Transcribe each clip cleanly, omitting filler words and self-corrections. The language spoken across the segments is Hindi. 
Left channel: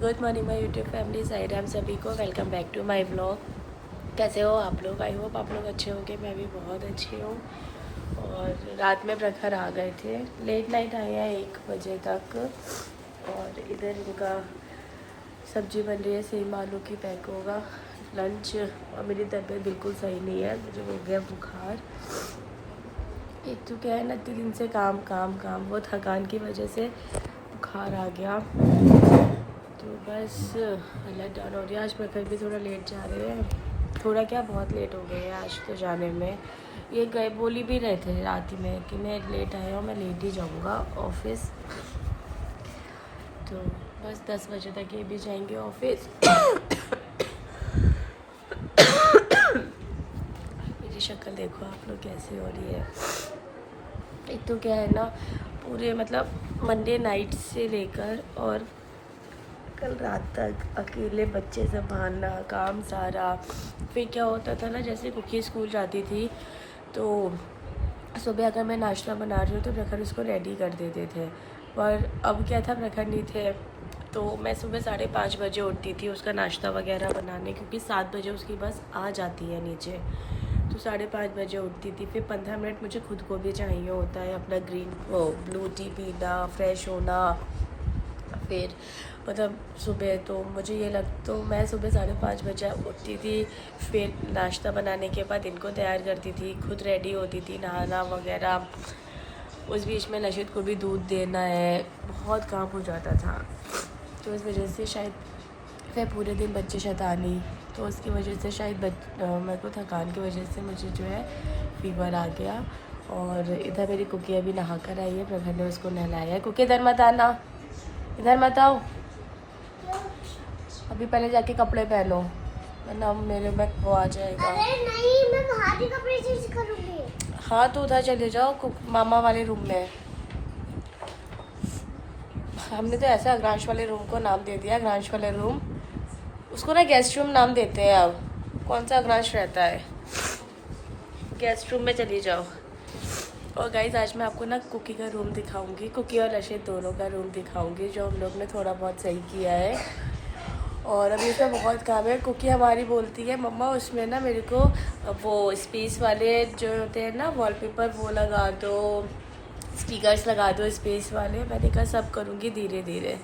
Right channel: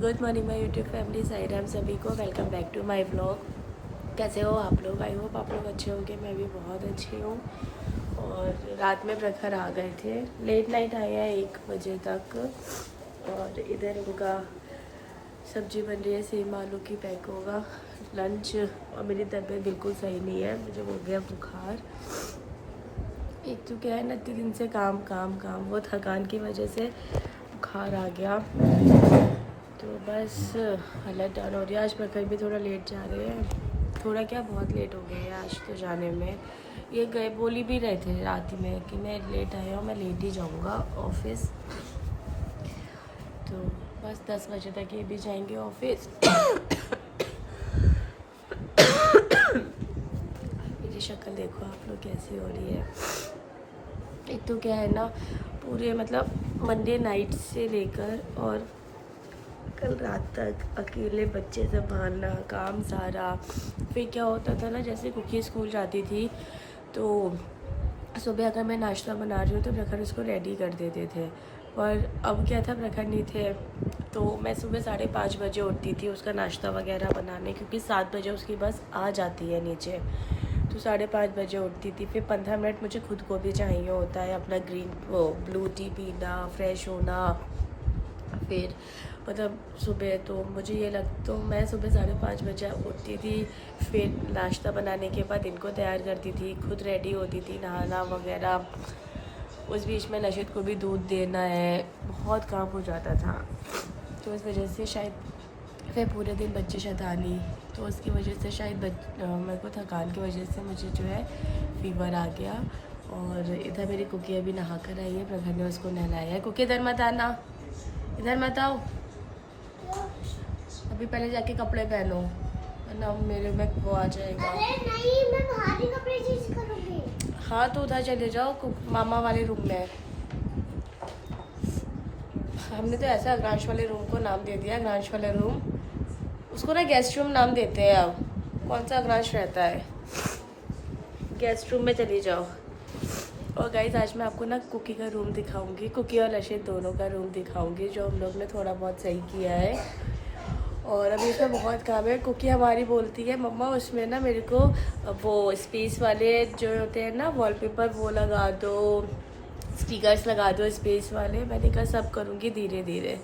Good morning my YouTube family, Sai Ram सभी को। Welcome back to my vlog. कैसे हो आप लोग? आई होप आप लोग अच्छे होंगे। मैं भी बहुत अच्छी हूँ। और रात में प्रखर आ गए थे, लेट नाइट आए हैं 1 बजे तक। और इधर इनका सब्जी बन रही है, सेम आलू की पैक होगा लंच। और मेरी तबीयत बिल्कुल सही नहीं है, मुझे हो गया बुखार। एक तो क्या है ना, इतने दिन से काम काम काम, वो थकान की वजह से बुखार आ गया। तो बस हालत डाउन हो रही है। आज प्रखर भी थोड़ा लेट जा रहे हैं, थोड़ा क्या बहुत लेट हो गए हैं आज तो जाने में। ये गए बोली भी रहे थे रात में कि मैं लेट आया हूँ, मैं लेट ही जाऊँगा ऑफिस। तो बस 10 बजे तक ये भी जाएंगे ऑफिस। मेरी शक्ल देखो आप लोग कैसी हो रही है। एक तो क्या है ना, पूरे मतलब मंडे नाइट से लेकर और कल रात तक अकेले बच्चे संभालना, काम सारा। फिर क्या होता था ना, जैसे कुकी स्कूल जाती थी तो सुबह अगर मैं नाश्ता बना रही हूँ तो प्रखर उसको रेडी कर देते थे। पर अब क्या था, प्रखर नहीं थे तो मैं सुबह 5:30 बजे उठती थी उसका नाश्ता वगैरह बनाने, क्योंकि 7 बजे उसकी बस आ जाती है नीचे। तो 5:30 बजे उठती थी। फिर 15 मिनट मुझे खुद को भी चाहिए होता है, अपना ब्लू टी पीना, फ्रेश होना। फिर मतलब सुबह तो मुझे ये तो मैं सुबह 5:30 बजे उठती थी। फिर नाश्ता बनाने के बाद इनको तैयार करती थी, खुद रेडी होती थी, नहाना वगैरह। उस बीच में नशिद को भी दूध देना है, बहुत काम हो जाता था। तो इस वजह से शायद फिर पूरे दिन बच्चे शैतानी, तो उसकी वजह से शायद मेरे को थकान की वजह से मुझे जो है फीवर आ गया। और इधर मेरी कुकी अभी नहा कर आई है, प्रखर ने उसको नहलाया है। कुकी इधर मत आना, इधर मत आओ, अभी पहले जाके कपड़े पहनो वरना मेरे में वो आ जाएगा। अरे नहीं, मैं बाहर के कपड़े चेंज करूंगी। हाँ तो उधर चले जाओ मामा वाले रूम में। हमने तो ऐसा अग्रांश वाले रूम को नाम दे दिया, अग्रांश वाले रूम। उसको ना गेस्ट रूम नाम देते हैं अब, कौन सा अग्रांश रहता है। गेस्ट रूम में चली जाओ। और गाइज आज मैं आपको ना कुकी का रूम दिखाऊंगी, कुकी और रशीद दोनों का रूम दिखाऊंगी, जो हम लोग ने थोड़ा बहुत सही किया है। और अभी इसमें बहुत काम है। कुकी हमारी बोलती है मम्मा उसमें ना मेरे को वो स्पेस वाले जो होते हैं ना वॉलपेपर, वो लगा दो, स्टिकर्स लगा दो स्पेस वाले। मैंने कहा सब करूँगी धीरे धीरे।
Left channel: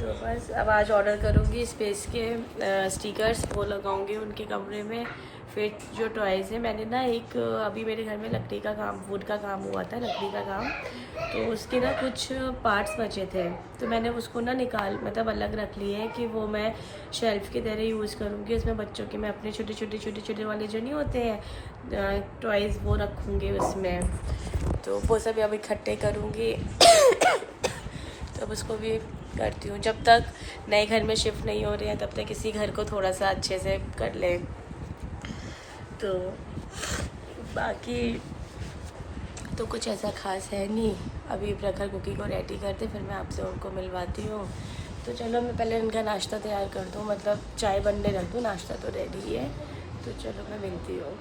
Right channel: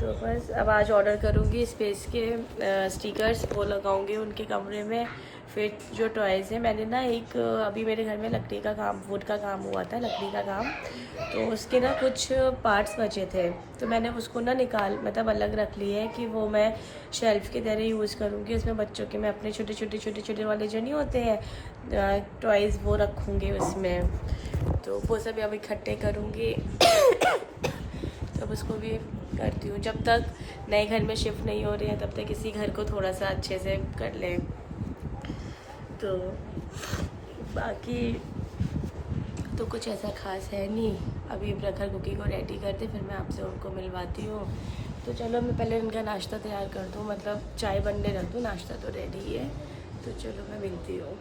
तो बस अब आज ऑर्डर करूँगी स्पेस के स्टिकर्स, वो लगाऊँगी उनके कमरे में। फिर जो टॉयज़ है, मैंने ना एक अभी मेरे घर में लकड़ी का काम, वुड का काम हुआ था, लकड़ी का काम। तो उसके ना कुछ पार्ट्स बचे थे, तो मैंने उसको ना मतलब अलग रख लिए हैं कि वो मैं शेल्फ़ की तरह यूज़ करूँगी। उसमें बच्चों के मैं अपने छोटे छोटे वाले जो नहीं होते हैं टॉयज़, वो रखूँगी उसमें। तो वो सब अब इकट्ठे करूँगी। तब उसको भी करती हूँ, जब तक नए घर में शिफ्ट नहीं हो रहे हैं तब तक इसी घर को थोड़ा सा अच्छे से कर लें। तो बाकी तो कुछ ऐसा खास है नहीं। अभी प्रखर कुकी को रेडी करते, फिर मैं आपसे उनको मिलवाती हूँ। तो चलो मैं पहले उनका नाश्ता तैयार कर दूँ, मतलब चाय बनने रख दूँ, नाश्ता तो रेडी है। तो चलो मैं मिलती हूँ।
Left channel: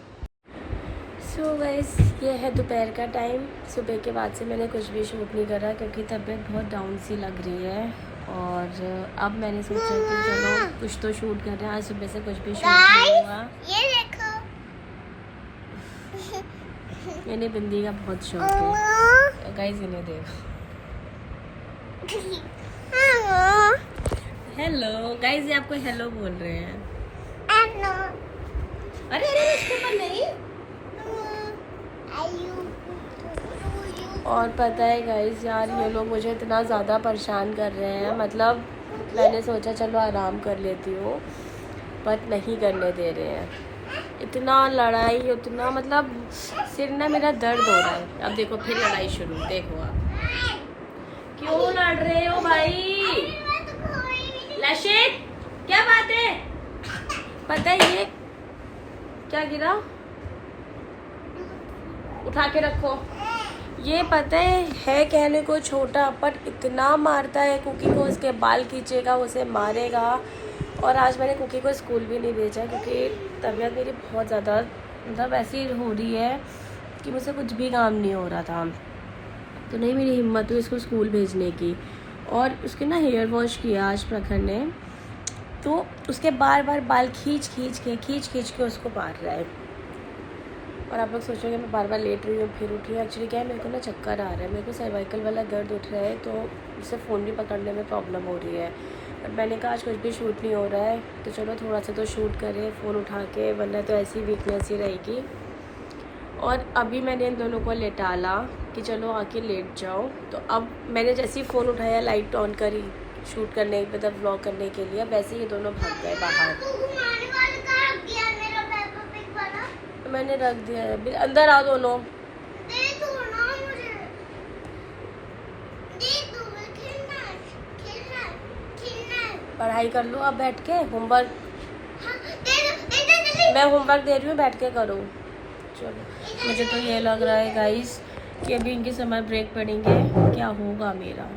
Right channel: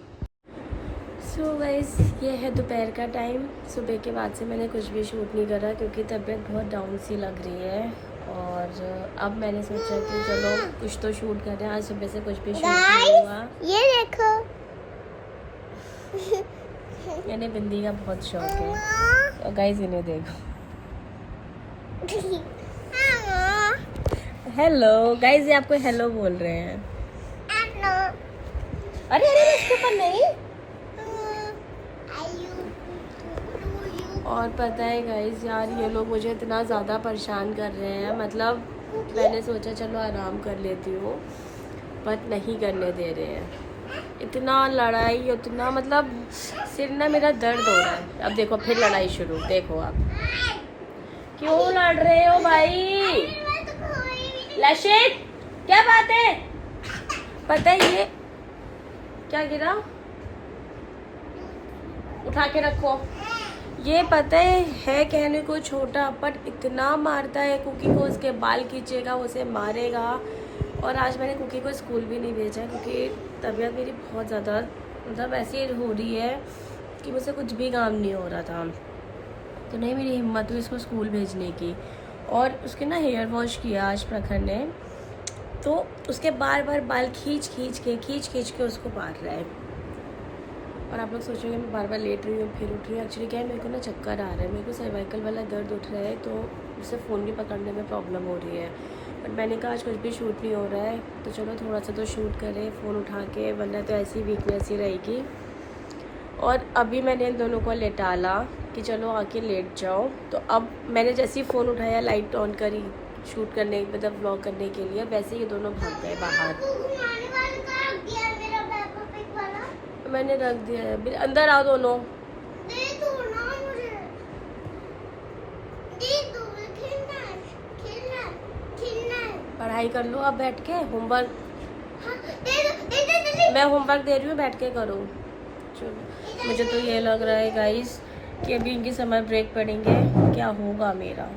सो गाइस, ये है दोपहर का टाइम। सुबह के बाद से मैंने कुछ भी शूट नहीं करा क्योंकि तबीयत बहुत डाउन सी लग रही है। और अब मैंने सोचा कि चलो कुछ तो शूट कर रहे हैं। आज सुबह से कुछ भी शूट नहीं हुआ। ये देखो, मैंने बिंदी का बहुत शौक है। और गाइस इन्हें देख, हेलो गाइस, ये आपको हेलो बोल रहे हैं। अरे अरे इसके ऊपर नहीं। और पता है गाइस यार, ये लोग मुझे इतना ज़्यादा परेशान कर रहे हैं। मतलब मैंने सोचा चलो आराम कर लेती हूँ, पर नहीं करने दे रहे हैं। इतना लड़ाई, उतना मतलब सिर ना मेरा दर्द हो रहा है। अब देखो फिर लड़ाई शुरू, देखो आप क्यों लड़ रहे हो भाई। लशित क्या बात है? पता है ये क्या गिरा, उठा के रखो। ये पता है कहने को छोटा, पर इतना मारता है कुकी को, उसके बाल खींचेगा, उसे मारेगा। और आज मैंने कुकी को स्कूल भी नहीं भेजा क्योंकि तबीयत मेरी बहुत ज़्यादा मतलब ऐसी हो रही है कि मुझसे कुछ भी काम नहीं हो रहा था। तो नहीं मेरी हिम्मत हुई इसको स्कूल भेजने की। और उसके ना हेयर वॉश किया आज प्रखर ने, तो उसके बार बार बाल खींच खींच के उसको काट रहा है। और आप लोग सोचेंगे मैं बार बार लेट रही हूँ फिर उठ रही हूँ। एक्चुअली क्या है, मेरे को ना चक्कर आ रहा है, मेरे को सर्वाइकल वाला दर्द उठ रहा है, तो उससे फ़ोन भी पकड़ने में प्रॉब्लम हो रही है। बट मैंने कहा आज कुछ भी शूट नहीं हो रहा है, तो चलो थोड़ा सा तो शूट करें फ़ोन उठा के, वरना तो ऐसी वीकनेस ही रहेगी। और अभी मैंने इन दोनों को लेटाला कि चलो आके लेट जाओ। तो अब मैंने जैसे ही फ़ोन उठाया, लाइट ऑन करी शूट करने, मतलब व्लॉग करने के लिए, वैसे ये दोनों भाग गए बाहर। मैंने रख दिया है, अंदर आओ दोनों। पढ़ाई कर लो अब बैठ के, होमवर्क मैं होमवर्क दे रही हूँ, बैठ के करो। चलो, मुझे तो ये लग रहा है गाइस कि अभी इनके समर ब्रेक पड़ेंगे, क्या होगा मेरा।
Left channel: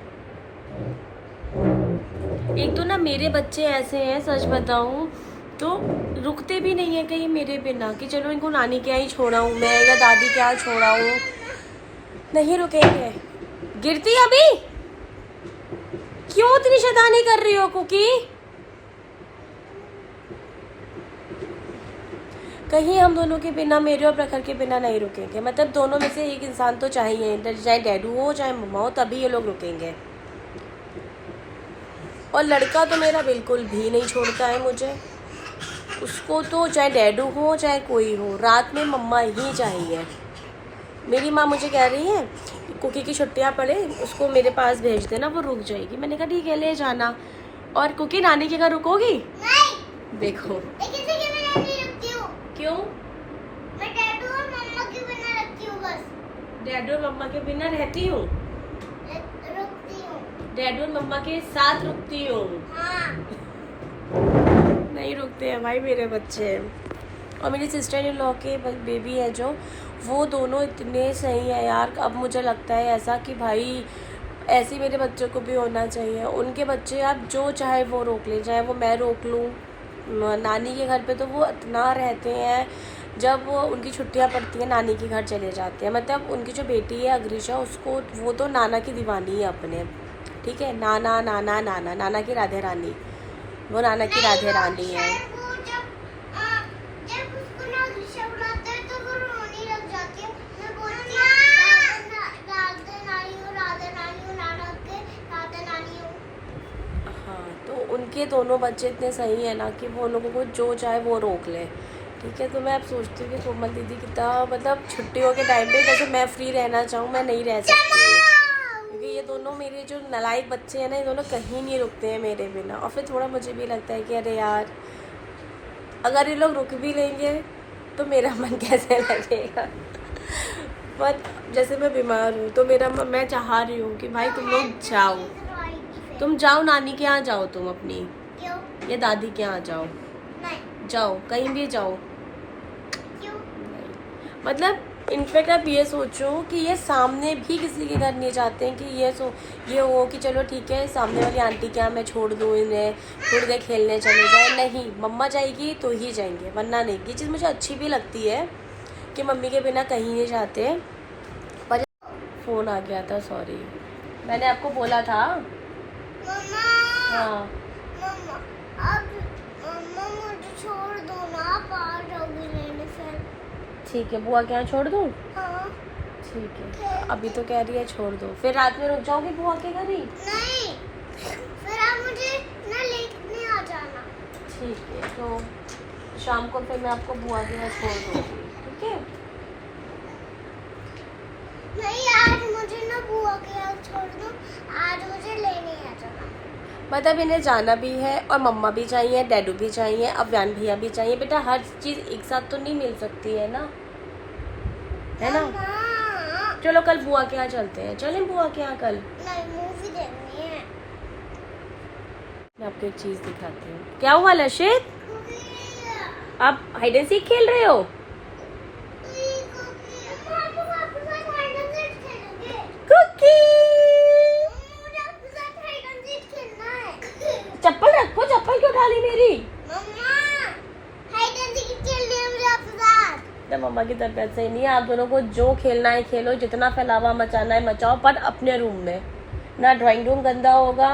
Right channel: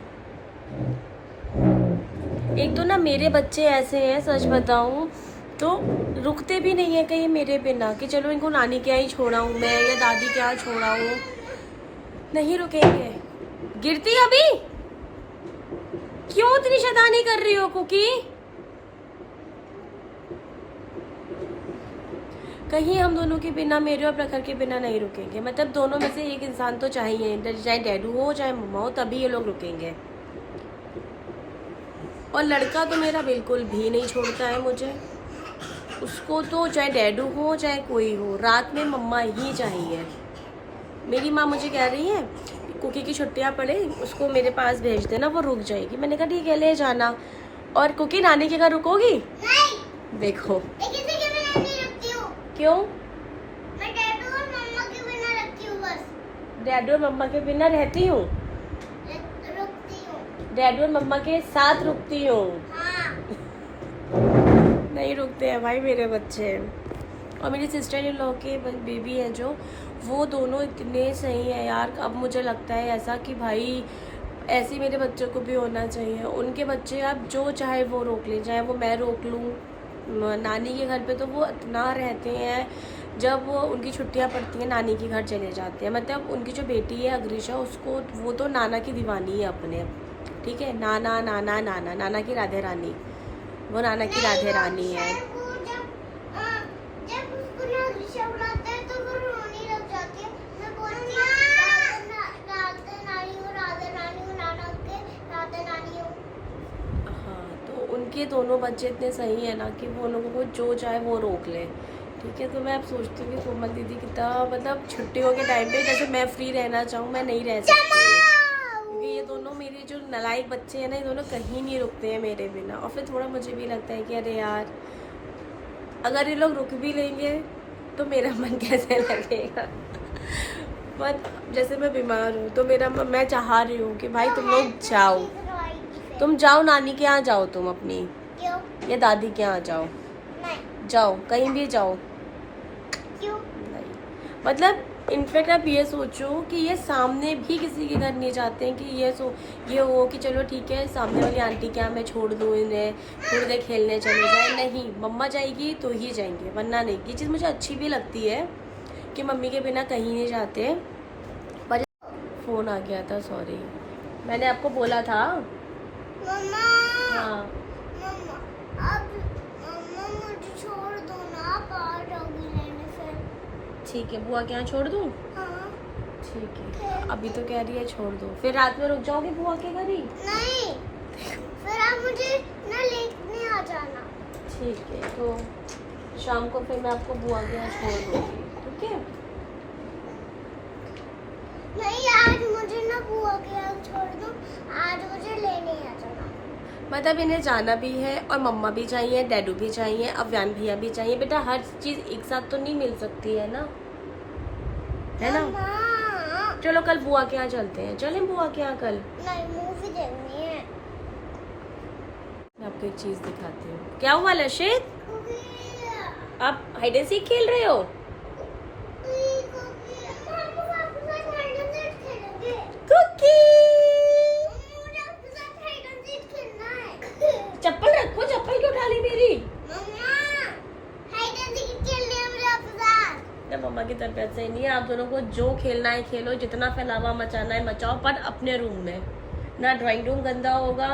एक तो ना मेरे बच्चे ऐसे हैं, सच बताऊं तो रुकते भी नहीं है कहीं मेरे बिना, कि चलो इनको नानी के यहाँ ही छोड़ाऊँ मैं या दादी के यहाँ छोड़ाऊँ, नहीं रुकेंगे। गिरती अभी क्यों इतनी शैतानी कर रही हो कुकी? कहीं हम दोनों के बिना, मेरे और प्रखर के बिना नहीं रुकेंगे। मतलब दोनों में से एक इंसान तो चाहिए, चाहे डैडू हो चाहे मम्मा हो, तभी ये लोग रुकेंगे। और लड़का तो मेरा बिल्कुल भी नहीं छोड़ता है मुझे, उसको तो चाहे डैडू हो चाहे कोई हो, रात में मम्मा ही चाहिए। मेरी माँ मुझे कह रही है कुकी की छुट्टियाँ पड़े, उसको मेरे पास भेज देना, वो रुक जाएगी। मैंने कहा ठीक है ले जाना। और कुकी नानी के घर रुकोगी? नहीं। देखो क्यों? मैं डैडू और मम्मा के बिना रहती हूँ बस। डैडू और मम्मा के बिना रहती हूँ, रुकती हूँ। डैडू और मम्मा के साथ रुकती हूँ। हाँ। नहीं रुकते हैं भाई मेरे बच्चे। और मेरी सिस्टर इन लॉ के बेबी है जो, वो दोनों इतने सही है यार। अब मुझे लगता है ऐसा कि भाई ऐसे मेरे बच्चों को भी होना चाहिए। उनके बच्चे आप जो चाहे वो रोक ले, चाहे वो मैं रोक लूँ। नानी के घर पे तो वो इतना रहते हैं, जब वो उनकी छुट्टियां पड़ती हैं नानी के घर चले जाते हैं। मतलब उनकी जो बेटी है अग्रिशा, उसको वो तो नाना की दीवानी है अपने, ठीक है। नाना नाना नाना नाना की राधे रानी, वो नाना की राधे रानी है। उनके दोनों बच्चे इतने सही है ना कि वो लोगों को जो चाहे वो रोक ले, ठीक है। तो मैं अब सोचती हूँ कि कोमल दीदी कितना, मतलब छुट्टियों के टाइम पे जैसे मैं फ्री रहना चाहूँ, मैं नहीं रह सकती, क्योंकि ये दोनों मेरे जो नालायक बच्चे हैं ना, ये दोनों कहीं नहीं रुकते हैं मेरे बिना। और फिर थोड़ा मुझे भी लगता है कि अरे यार, अगर ये लोग रुक भी लेंगे तो मेरा मन कैसे लगेगा। बट जैसे मैं बीमार हूँ तो मैं चाह रही हूँ कि भाई तुम लोग जाओ, तुम जाओ नानी के यहाँ जाओ, तुम अपनी या दादी के यहाँ जाओ, जाओ कहीं भी जाओ। क्यों? मतलब इनफैक्ट आप ये सोचो कि ये सामने भी किसी के घर नहीं जाते हैं कि ये हो कि चलो ठीक है सामने वाली आंटी के यहाँ मैं छोड़ दूँ इन्हें, थोड़ी देर खेलने चले जाए। नहीं, मम्मा जाएगी तो ही जाएंगे, वरना नहीं। ये चीज़ मुझे अच्छी भी लगती है कि मम्मी के बिना कहीं नहीं जाते। पर फ़ोन आ गया था, सॉरी, मैंने आपको बोला था। मम्मा, हाँ मम्मा, अब मम्मा मुझे छोड़ दो ना, आप आ जाओगी लेने से। ठीक है, बुआ के यहाँ छोड़ दूँ? हाँ ठीक है, अभी तो कह रही है छोड़ दो, फिर रात में रुक जाओगी बुआ के घर ही? नहीं, फिर आप मुझे ना लेने आ जाना। ठीक है, तो शाम को फिर मैं आपको बुआ के यहाँ छोड़ दूँगी, ठीक है। नहीं, आज मुझे ना बुआ के यहाँ छोड़ दो, आज मुझे लेने आ जाना। मतलब इन्हें जाना भी है और मम्मा भी चाहिए, डैडू भी चाहिए, अव्यान भैया भी चाहिए। बेटा हर चीज़ एक साथ तो नहीं मिल सकती है ना, है ना। चलो कल बुआ के यहाँ चलते हैं, चलें बुआ के यहाँ कल। नहीं, मूवी देखनी है। मैं आपको एक चीज़ दिखाती हूँ। क्या हुआ लशित, आप हाइड एंड सीक खेल रहे हो? चप्पल रखो, चप्पल क्यों उठा ली मेरी? मम्मा की तरफ से नहीं है, आप दोनों को जो खेलना है खेलो, जितना फैलावा मचाना है मचाओ, पर अपने रूम में, ना ड्राइंग रूम गंदा होगा,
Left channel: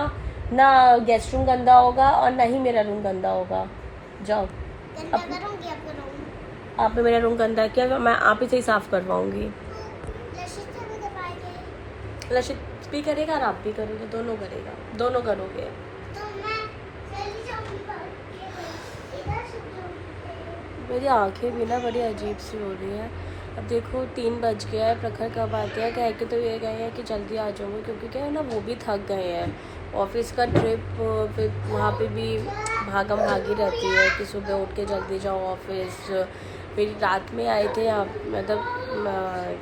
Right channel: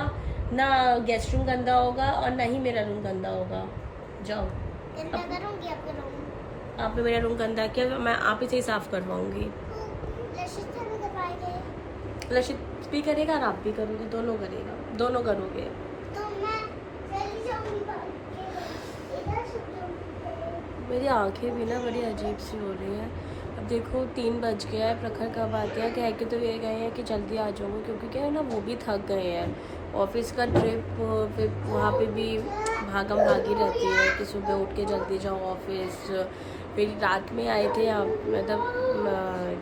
ना गेस्ट रूम गंदा होगा, और ना ही मेरा रूम गंदा होगा। जाओ। गंदा करूंगी आपका रूम। आपने मेरा रूम गंदा किया, मैं आप ही से ही साफ करवाऊंगी। लशित को भी करवाएंगे। लशित भी करेगा और आप भी करोगे, दोनों करेगा, दोनों करोगे। तो मैं चली जाऊंगी इधर से जाऊंगी। मेरी आंखें भी ना बड़ी अजीब सी हो रही हैं। अब देखो 3 बज गया है, प्रखर कब आते हैं। कह के तो ये गए हैं कि जल्दी आ जाऊँगी, क्योंकि क्या है ना, वो भी थक गए हैं। ऑफिस का ट्रिप, फिर वहाँ पे भी भागम भागी रहती है कि सुबह उठ के जल्दी जाओ ऑफिस। फिर रात में आए थे यहाँ, मतलब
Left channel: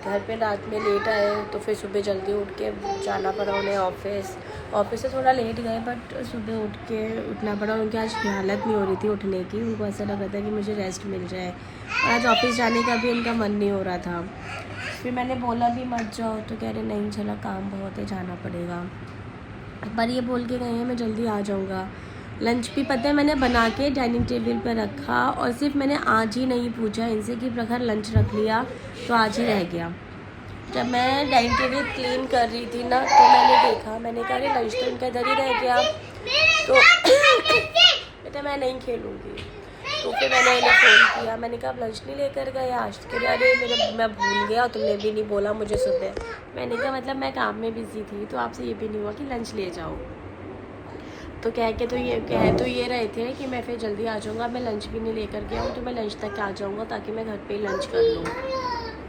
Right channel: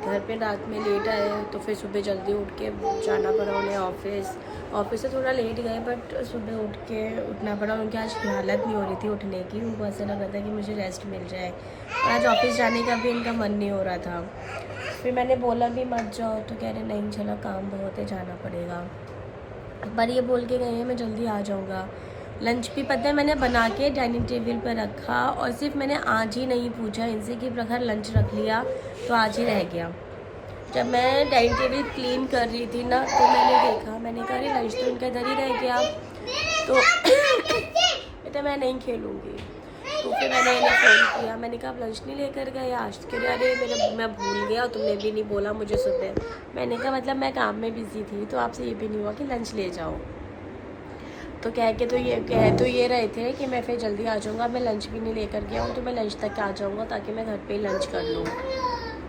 घर पे रात में लेट आए, तो फिर सुबह जल्दी उठ के जाना पड़ा उन्हें ऑफिस। ऑफिस से थोड़ा लेट गए, बट सुबह उठ के उठना पड़ा। उनकी आज हालत नहीं हो रही थी उठने की, उनको ऐसा लग रहा था कि मुझे रेस्ट मिल जाए, और आज ऑफिस जाने का भी इनका मन नहीं हो रहा था। फिर मैंने बोला भी मत जाओ, तो कह रहे नहीं चलो काम बहुत है, जाना पड़ेगा। एक बार ये बोल के गए हैं मैं जल्दी आ जाऊँगा। लंच भी पता है मैंने बना के डाइनिंग टेबल पर रखा, और सिर्फ मैंने आज ही नहीं पूछा इनसे कि प्रखर लंच रख लिया, तो आज ही रह गया। जब मैं डाइनिंग टेबल क्लीन कर रही थी ना, तो मैंने देखा, मैंने कहा अरे लंच तो इनका इधर ही रह गया, तो बेटा मैं नहीं खेलूँगी। तो फिर मैंने इन्हें फ़ोन किया, मैंने कहा आप लंच नहीं लेकर गए आज के लिए। अरे मैं भूल गया, तुमने भी नहीं बोला मुझे सुबह। मैंने कहा मतलब मैं काम में बिज़ी थी, तो आपसे ये भी नहीं हुआ कि लंच ले जाओ। तो कह तो ये रहे थे कि मैं फिर जल्दी आ जाऊँगा, मैं लंच भी नहीं लेकर गया हूँ, तो मैं लंच तक आ जाऊँगा ताकि मैं घर पे ही लंच कर लूँ।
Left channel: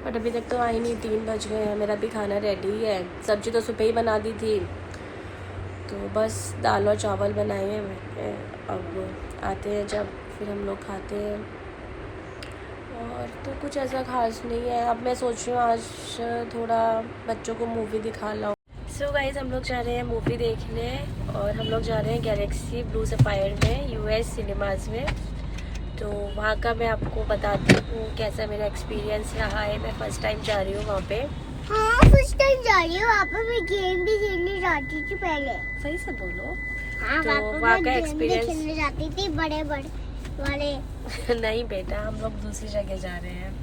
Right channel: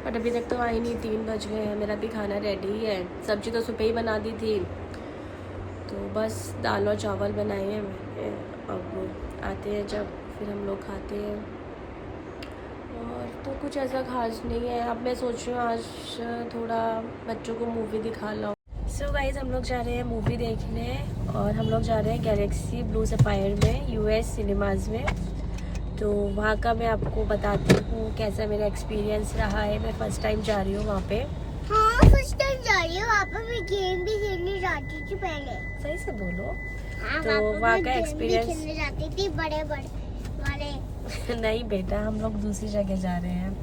बट अभी तक तो आई नहीं, 3 बज गए हैं, मेरा भी खाना रेडी है। सब्ज़ी तो सुबह ही बना दी थी, तो बस दाल और चावल बनाए हैं। अब आते हैं जब, फिर हम लोग खाते हैं, और तो कुछ ऐसा खास नहीं है। अब मैं सोच रही हूँ आज थोड़ा बच्चों को मूवी दिखा लाऊँ। सो गाइस हम लोग जा रहे हैं मूवी देखने, और हम लोग जा रहे हैं गैलेक्सी ब्लू सफायर में, यूएस सिनेमाज़ में। तो वहाँ का मैं आपको बताती हूँ कैसा मेरा एक्सपीरियंस रहा है। मैं फ़र्स्ट टाइम जा रही हूँ वहाँ पे। हाँ फर्स्ट टाइम जा रही हूँ। वहाँ पर मैं गेम भी खेलने जाती थी पहले। सही से बोलो। हाँ, तो वहाँ का एक्सपीरियंस खेलने जाती थी बड़े वाले नहीं बेटा, हम लोग दूसरी जगह जा रहे हैं।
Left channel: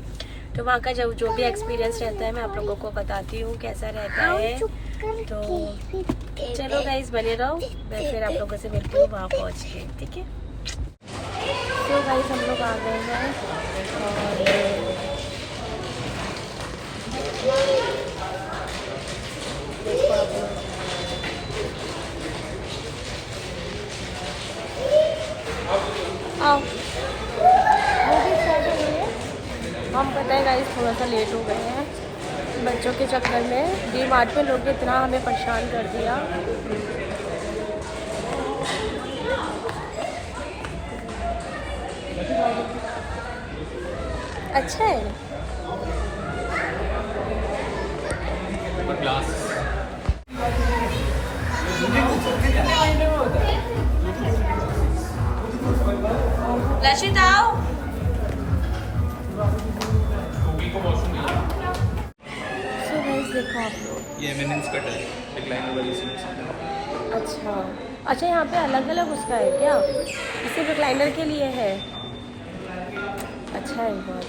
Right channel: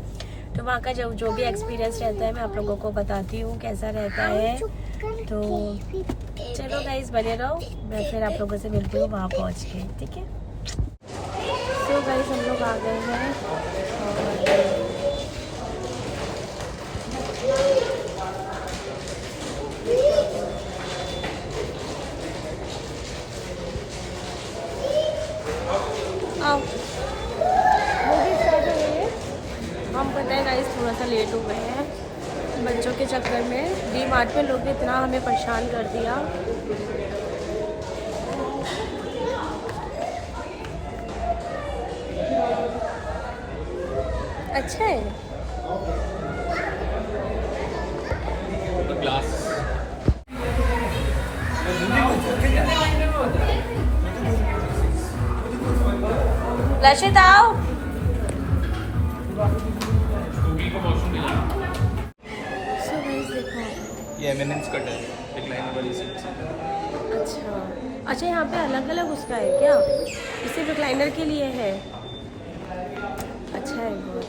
तो वहाँ का जो भी एक्सपीरियंस रहता है मैं आप लोगों को बताती हूँ कैसा रहता है। तो चलो गाइस बने रहो, मैं फिर आप लोगों से मिलती हूँ वहाँ पहुँच के, ठीक है। तो गाइस हम लोग आ गए हैं, और आओ मूवी स्टार्ट हो गई है। हम पता है गाइस थोड़ा सा लेट हो गए हैं बच्चों के चक्कर में। डी मार्ट में लोग ने इतना हमें परेशान कर दिया। अच्छा है। लशित आओ। सो गाइस देखो आप लोग, ये एमिनेंस कट है, रिक्लाइनर वाली सीट्स। अच्छा यहाँ पे अलग अलग उसका है क्या? इसे रिक्लाइनर के लिए है। अच्छा है बहुत।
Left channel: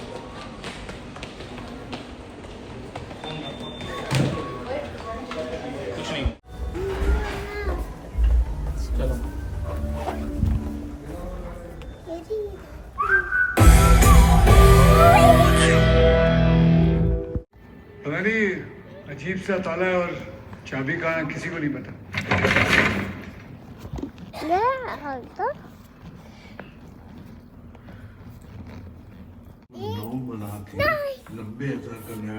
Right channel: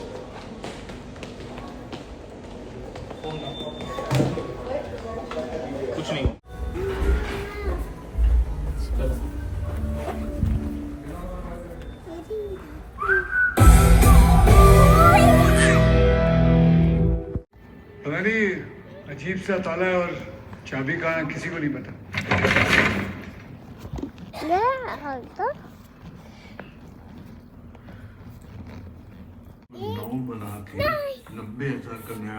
कुछ नहीं चलो। पता नहीं अजीब सा ताला है, और चाबी कहाँ है किसी को नहीं पता। बना के 90,000 का नया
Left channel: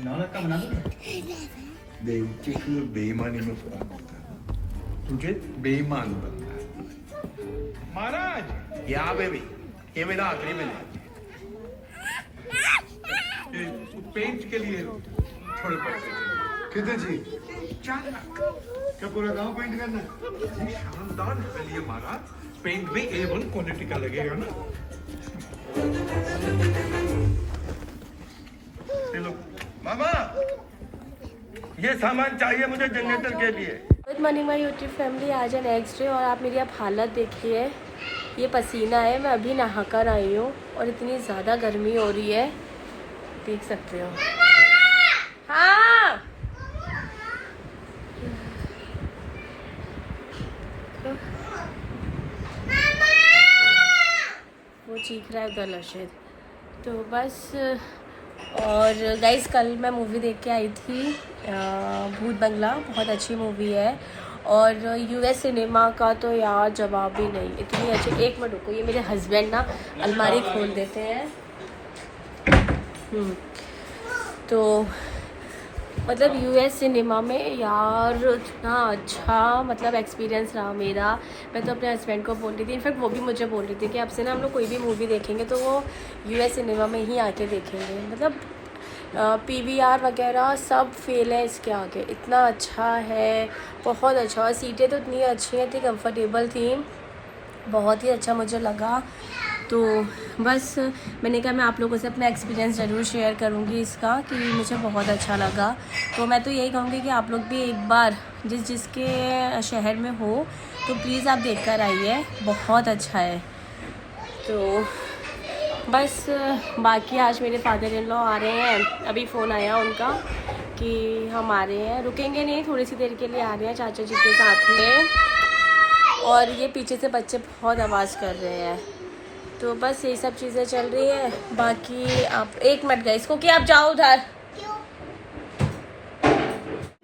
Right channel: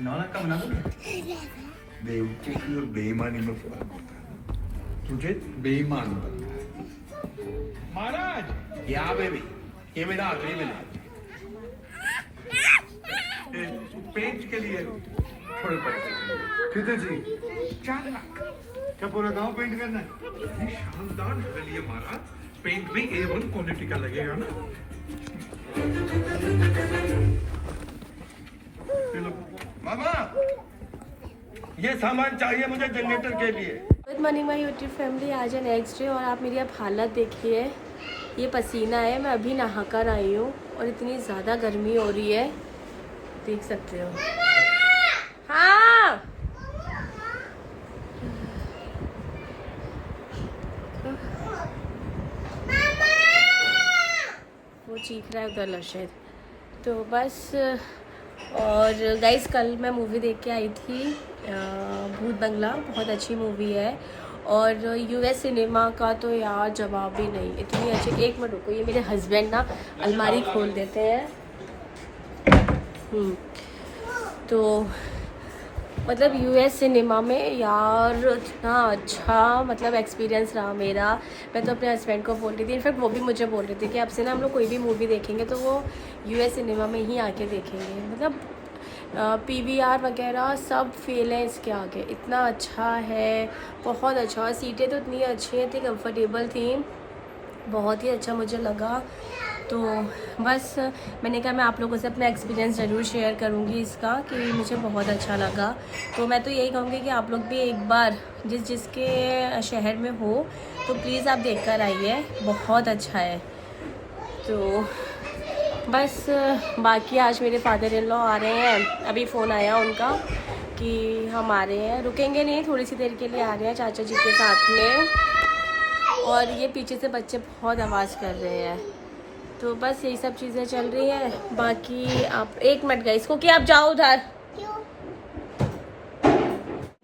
नाना का बना दो। बेवकूफी और बेईमानी में फर्क है। तुझे बेईमान बनना है महाराज। या बेबी, ये मेरा आखिरी मिल है। पेंट के लिए थोड़े पैसे कितने जी? 4 लाख। क्या पूरा गांव पेंट करना है? शानदार के लिए महाराज, पेंट भी A1 क्वालिटी का लगेगा ना। चलो मामा, ये सामान चाहिए मुझे जनरेटर के लिए। Good morning my YouTube family. आज है नेक्स्ट डे, और आप मेरी अब हालत देखिए। ये पसीना है, मैं अभी नहा कर आई हूँ, और इतनी ज़्यादा गर्मी हो रही है, देख सकते हो। हाँ वो सीख रहा है उधर लशित। तो बस। और गाइस कल मैं मूवी देख के आई थी भूत बंगला, बहुत अच्छी मूवी है। और यूएस सिनेमा का तो यार जवाब ही नहीं, इतनी अच्छी। एक मिनट रुको, ये मेरे हस्बैंड ना अलमारी खोल देते हैं। तो मतलब यूएस सिनेमा में यार इतना अच्छा मतलब एक्सपीरियंस रहा मेरा। मैं तो अपने हस्बैंड को बोल रही थी, इनफैक्ट वो भी मुझे बोल रही थी कि अब से ना हम लोग कोई भी मूवी देखेंगे तो वो यूएस सिनेमा में ही आके देखेंगे। मतलब पीवीआर वगैरह सब फेल है इसके आगे, इतना अच्छा है, बहुत अच्छा। और सीटें तो इतनी अच्छी हैं, इतनी कंफर्टेबल थी, बहुत ही अच्छा मुझे लगा। तो बस मैंने कहा मैं आप लोगों से अपना एक्सपीरियंस ज़रूर शेयर करूँगी इसका, कि मुझे बहुत अच्छा लगा। तो मैं तो यही कहूँगी कि आप लोग भी एक बार जिसके शहर में हो तो प्लीज़ आप देख कर आइए, बहुत अच्छा है। तो बस बाकी आज मेरे फादर इन लॉ आ रहे हैं, अभी फ़ोन आया उनका कि हम आ रहे हैं, रुकेंगे नहीं, थोड़ी सी देर के लिए आ रहे हैं चाचा जी के साथ में। और ये पीछे से बच्चे बहुत आवाज़ कर रहे हैं। तो बस यही सब चीज़ें चल रही है। बाकी आप एक मिनट गए इसको कि आप जाओ उधर।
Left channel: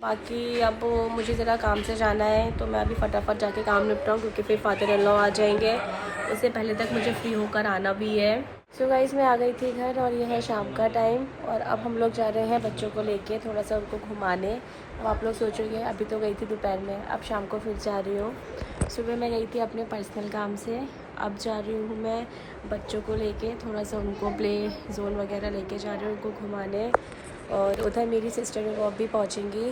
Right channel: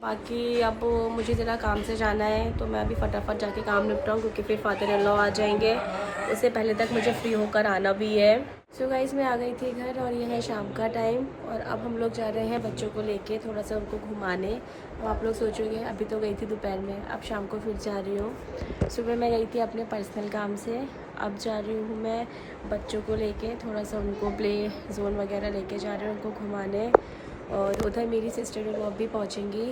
बाकी अब मुझे ज़रा काम से जाना है, तो मैं अभी फटाफट जाके काम निपटाऊँ, क्योंकि फिर फादर इन लॉ आ जाएंगे, उससे पहले तक मुझे फ्री होकर आना भी है। सो गाइस मैं आ गई थी घर और ये है शाम का टाइम, और अब हम लोग जा रहे हैं बच्चों को लेके थोड़ा सा उनको घुमाने। अब आप लोग सोचोगे अभी तो गई थी दोपहर में, अब शाम को फिर जा रही हूँ। सुबह मैं गई थी अपने पर्सनल काम से, अब जा रही हूँ मैं बच्चों को लेके थोड़ा सा उनको प्ले जोन वगैरह लेके जा रही हूँ उनको घुमाने। और उधर मेरी सिस्टर वो अब भी पहुँचेंगी।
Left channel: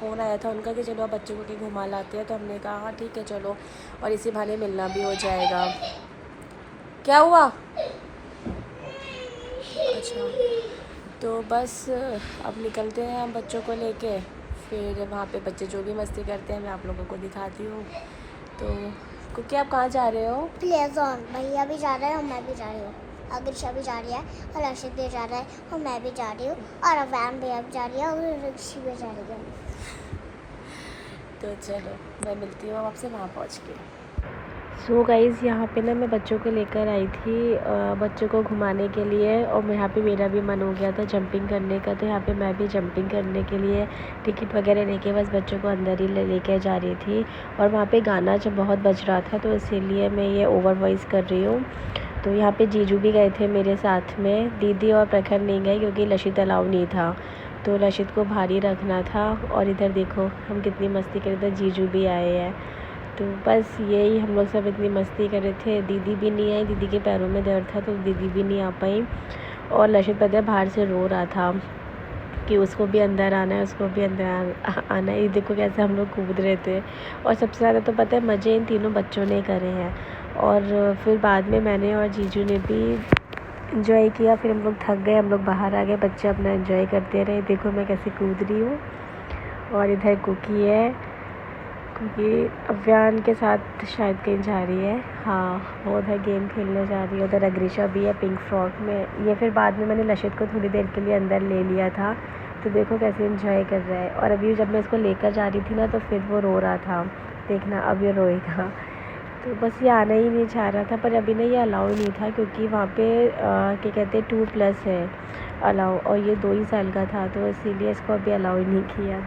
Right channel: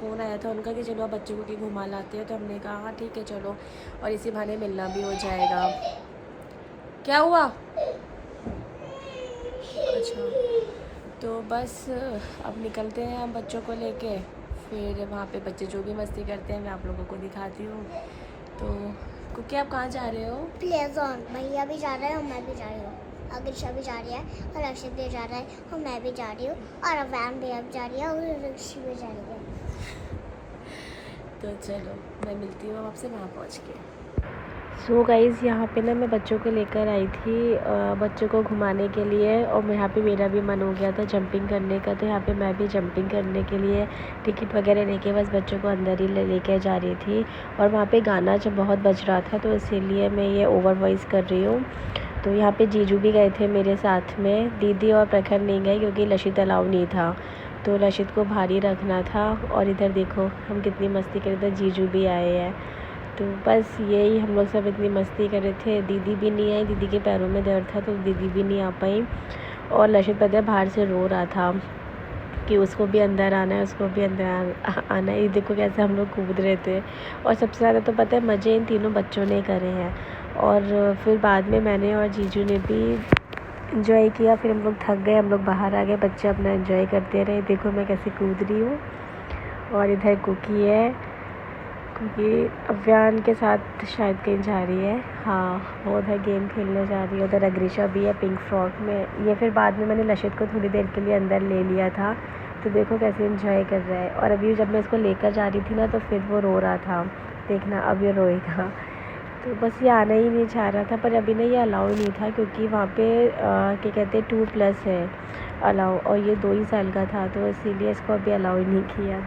फ़ोन आया था उनका कि चलो आप बच्चों को कहीं घुमा लाते हैं, तो हमने कहा हाँ ठीक है चलो, और इसी बहाने मिलना भी हो जाएगा। क्या हुआ? अच्छा, तो बस अब निकलते हैं हम बच्चों को लेके, फिर वहाँ पे बच्चे जो भी मस्ती करते हैं मैं आप लोगों को दिखाती हूँ। तो क्योंकि आप कहाँ जा रहे हो? Play zone. भैया भी जा रहे हैं और मैं भी जा रही हूँ, अग्रिशा भी जा रही है और अक्षित भी जा रहा है और मैं भी जा रही हूँ, और अवैन भैया भी जा रही है और ऋषि भी जा रही है। तो चलो मैं मिलती हूँ आपसे वहाँ पहुँच के। सो गाइज़ यहाँ पे ना मैं बच्चों को लेकर आई थी बच्चों को घुमाने के लिए, और यहाँ पे मेरा भी मन हो गया था जंपिंग करने का, तो यहाँ पे मैं भी जंपिंग करने के लिए टिकट वगैरह लेके बस बच्चों को अंदर ही लेके जा रही थी। और वहाँ पे गाना जब बहुत बज रहा था, तो इसीलिए मैं ये ओवर वॉइस कर रही हूँ। तो यहाँ पे जीजू भी गए थे मेरे साथ में, दीदी और प्रखर नहीं गए क्योंकि लशित अलाउ नहीं था, तो लशित को भारी रखना था। और इधर देखो हम कितनी मस्ती कर रहे थे, जीजू भी आए हैं। तो बस यही हम लोग सब इतनी मस्ती कर रहे थे। दीदी भी नहीं आई, दीदी के पैरों में दर्द था तो दीदी भी नहीं आ पाई। और लशित पता है बाहर से रो रहा था कि उसको भी अंदर आना है, उसको भी अंदर आना है। ये देखो कैसे हम लोग कूद रहे थे। और सबसे ज़्यादा तो पता है मज़े इन तीनों बच्चों ने करे हैं। और फिर बाद में मैंने और जीजू ने भी इन्जॉय किया। फिर हम लोग थक गए, हम लोग बाहर आ गए, बच्चे अपना इन्जॉय करते रहे। देखो मैं कैसे कूद रही हूँ। और इधर कुकी है, क्योंकि अव्यान के साथ शायद कहीं जा रही है, हाँ वो उधर गेम खेलने जा रही है। उधर अग्रिशा भी है पिंक फ्रॉक में। ये फिर बाद में मैंने लशित को थोड़ी देर के लिए अंदर ले लिया था, तो देखो कैसे एंजॉय कर रहा है। और अभी जब मैं इसको लेकर जा रही थी ना, तो फिर वो रो रहा था, देखना अब ये रोएगा। तो बस ये आना ही नहीं चाह रहा था, पर अभी ना ये अलाउ नहीं था क्योंकि वहाँ पे क्या कहते हैं 2+ है अलाउ, और ये 2 ही साल का था, तो इसीलिए इसको अभी अलाउ ही नहीं किया।